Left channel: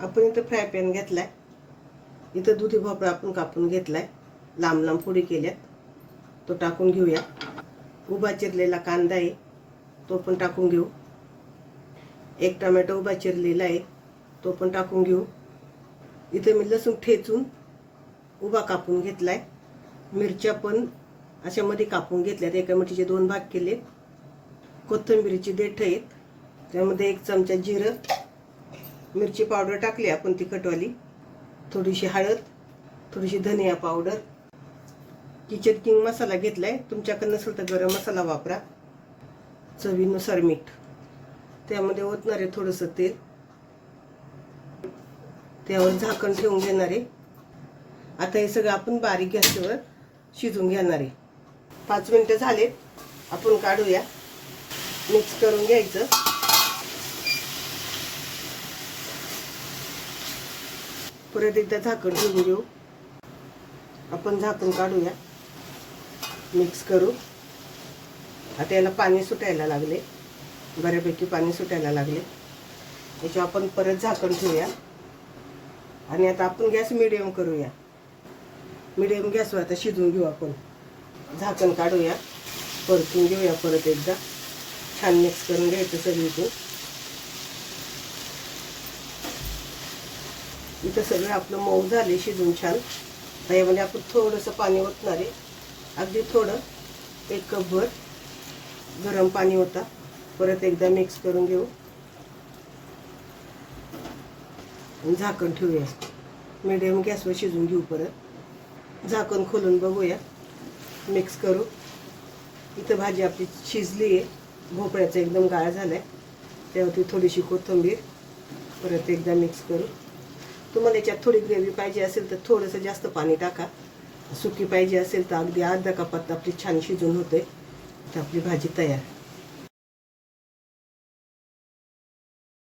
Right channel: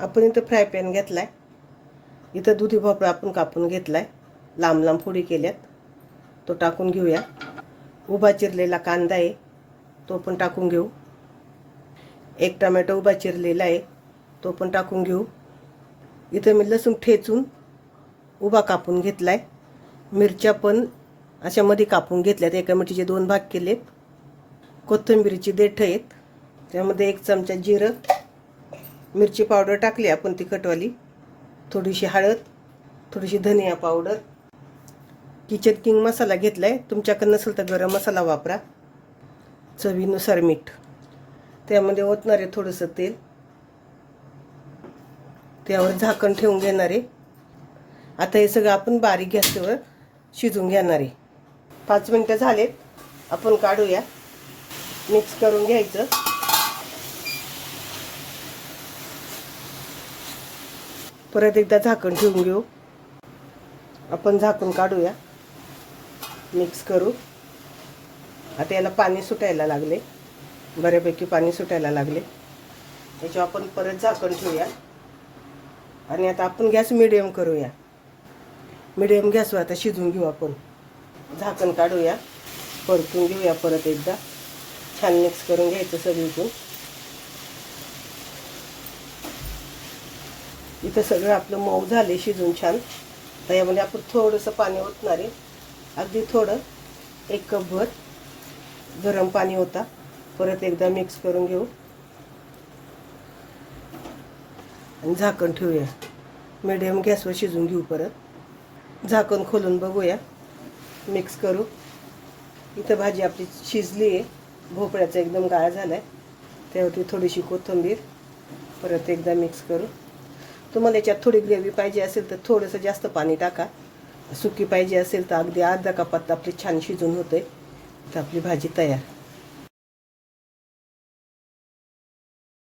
आपण इथं fry pan घेतलाय. इथं दुधी भोपळा आपण कापून घेतलाय, लांब लांब फोडी केल्यात, तो टाकून घेऊया. उभा चिरलेला कांदा आहे, तो पण टाकून घेऊ. एक टोमॅटो उभा चिरलेला आहे, तो पण टाकून घेऊ. इथं मी लसूण ठेचून उभा कापून घेतलाय. मिरच्या पण अशा मध्ये कापून घेतल्यात, एका मिरचीचे 2 भाग केलेत. कोथिंबीरची देठ आहेत, त्यामध्ये 1 चमचा जिरं, मिरची पावडर टाकली आपण तिखटवाली, थोडीशी हळद, थोडीशी धनिया पावडर, किचन किंग मसाला घेतलाय. तुमच्याकडे नसेल तर गरम मसाला वापरा. चवीनुसार मीठ, त्यामध्ये ओतणार आहे थोडंसं तेल. त्यावर झाकण ठेवून घेणार आहे. आता हे सगळं आपण बारीक गॅसवर शिजवून घेणार आहे. 5 मिनिटं झालेत, आपण काढूया. मिक्स करून घ्यायचं. परत एकदा झाकण ठेवून घेऊ. आपण झाकण काढूया, मिक्स करू. आता याला पाणी सुटायला लागले, बऱ्यापैकी पाणी सुटायला लागले. याच्यावर आपण परत झाकण ठेवूया आणि आता आपण गॅस मिडियम करूया. मिडियम गॅसवर आता शिजवून घेऊ. आपण झाकण काढूया, परतून घेऊया. परत एकदा छान मिक्स करून घ्यायचं सगळीकडून. इथं सगळं आपलं मऊ झाले शिजून छान. तर यामध्ये आपण थोडंसं पाणी ओतणार आहे, अगदी थोडं, 1 कपभर गरम पाणी होता. परत एकदा मिक्स करून घेऊ आणि झाकण ठेवूया. मिडियम गॅसवर शिजून घेऊ. परत झाकण खोलून बघूया, मिक्स करू. इथं भाजी आपली शिजली आहे, भोपळ्याचा एकदम गाळ झाला आहे. त्यावरती थोडीशी कोथिंबीर, परत एकदा मिक्स करू. तुम्हाला याच्यात थोडी ग्रेव्ही पाहिजे असेल तर थोडंसं जास्त पाणी टाका. सुकी पाहिजे असेल तर अगदी अर्धा कपात आपली छान शिजून होते. तर आपली भाजी तयार.